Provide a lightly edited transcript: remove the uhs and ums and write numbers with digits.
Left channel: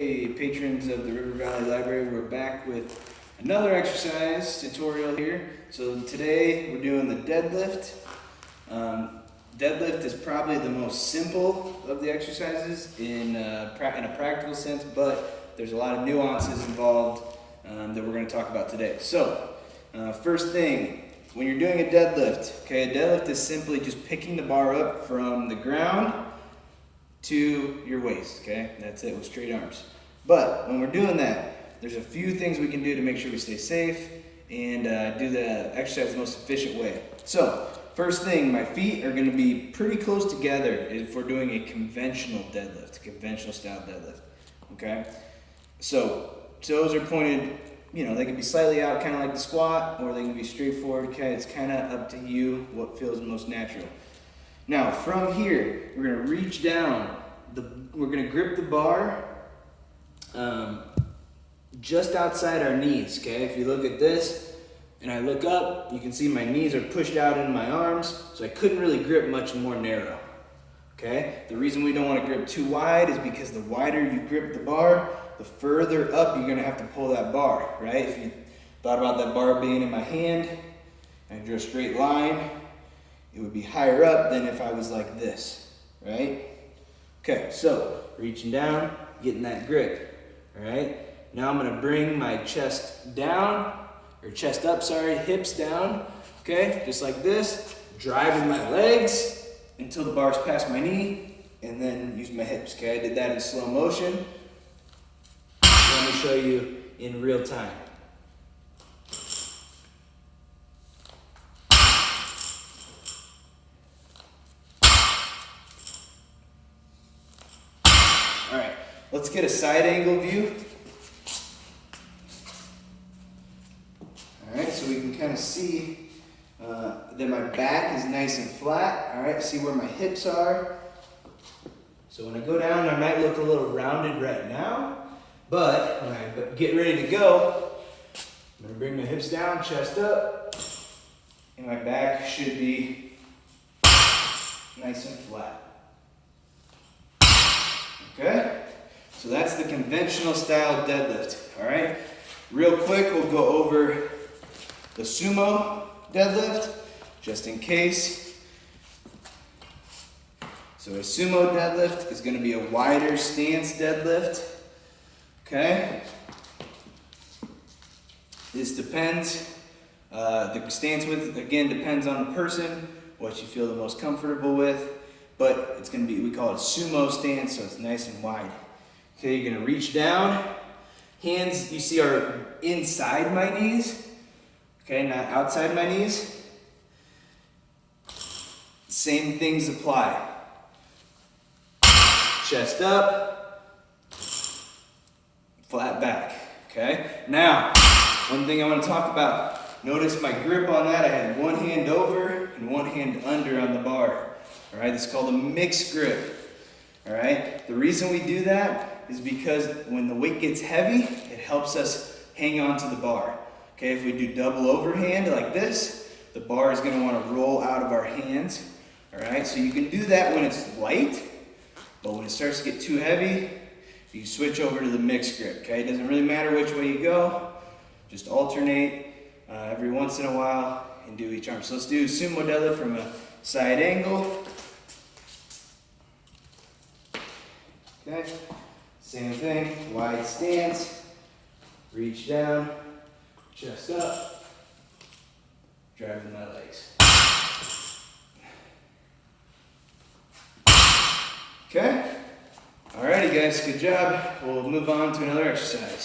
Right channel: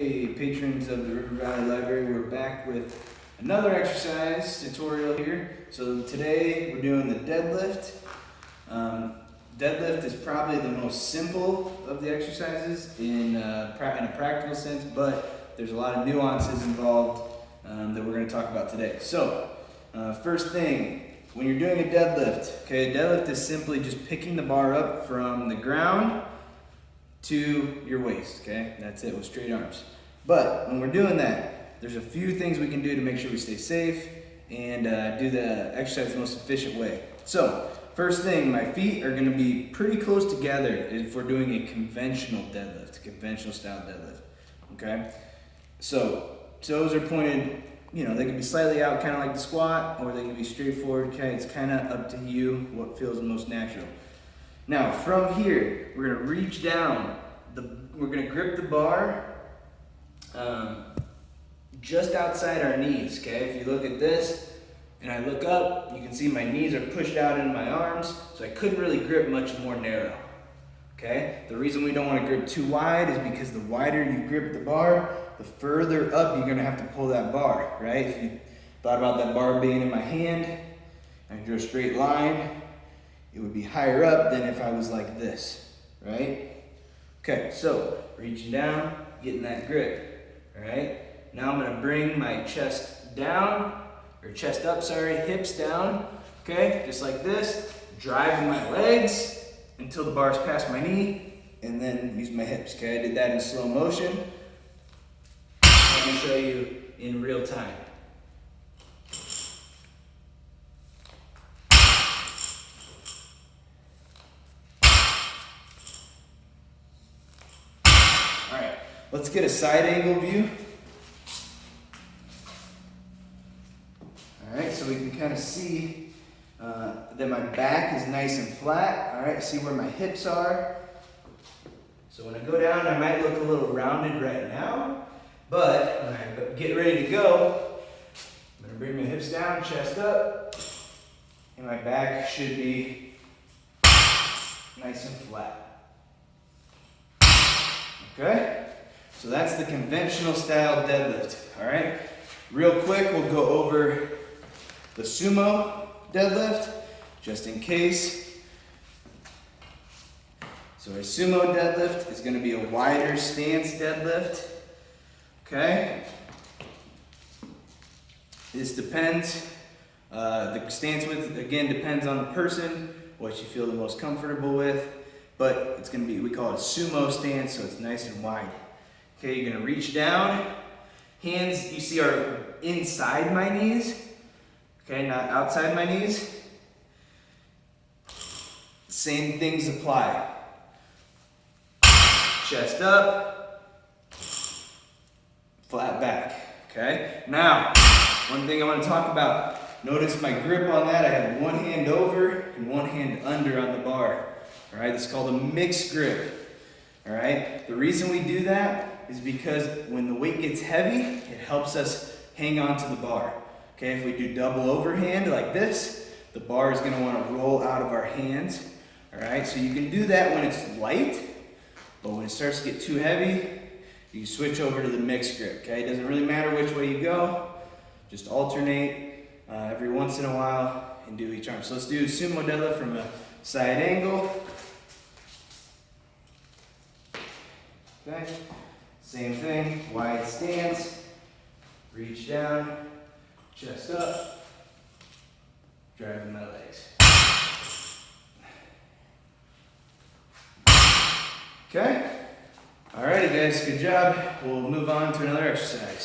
Hey patrons of the River Valley Library, we're back with another exercise tutorial here. So today we're doing the deadlift. Deadlift is probably the most simple of the exercises in a practical sense, but there's a lot of nuances involved that we're going to talk about today. So first thing, when you're doing a deadlift, okay, a deadlift is simply just picking the bar up from the ground to your waist, okay? That's it, with straight arms. But when we're doing that, there's a few things we can do to make sure we stay safe and do the exercise the most efficient way. So, first thing, my feet are gonna be pretty close together if we're doing a conventional deadlift, conventional style deadlift, okay? So, toes are pointed, you know, they can be slightly out, kind of like the squat, or they can be straight forward, okay? It's kind of up to you what feels the most natural. Now, from here, we're gonna reach down. We're gonna grip the bar just outside our knees, okay? If you look at this, and I look up, you can see my knees are pushed out into my arms, so I couldn't really grip much more narrow, okay? The reason we don't wanna grip too wide is because the wider you grip the bar, the further up you're gonna have to pull that bar, right? If you thought about that bar being in my hand, and I drew a straight line, it would be higher up than if I was like this, right? Okay, so reaching down, getting that grip, all right? Now I'm gonna bring my chest down, or chest up, sorry, hips down, okay? Just like this, driving my legs until the bar's past my knee, and then use my hips, okay? I did that in slow motion. Let me show you in real time. All right, let's get a side angle view. All right, so we can kind of see that my back is nice and flat. All right, see where my hips are. So when I go down, I might look a little rounded right now, but when I get ready to go, I'm gonna bring my hips down, chest up, and my back should be nice and flat. Okay, so that's the conventional style deadlift, all right? Real quick, we'll go over the sumo deadlift, just in case. So a sumo deadlift is gonna be a wider stance deadlift, okay? This depends, the stance width, again, depends on the person, what you feel the most comfortable with. But it's gonna be, we call it sumo stance, so it's nice and wide. Okay, you're gonna reach down. Hands, you see, are inside my knees. Okay, not outside my knees. Same things apply. Chest up, flat back, okay? Now, one thing I wanna talk about. Notice my grip on that, I had one hand over and one hand under on the bar. All right, this is called a mixed grip. All right, the reason we do that is because when the weight gets heavy, it helps us hang on to the bar. Okay, if we do double overhand like this, the bar is going to want to roll out of our hands. All right, so you can do that when it's light, but when it starts to get too heavy, you switch over to the mixed grip. Okay, it doesn't really matter which way you go, just alternate every once in a while and do each arm. So let's do sumo deadlift from a side angle. Okay, same thing, wide stance, reach down, chest up, driving my legs. Okay, alrighty guys, good job. We'll move on to another exercise.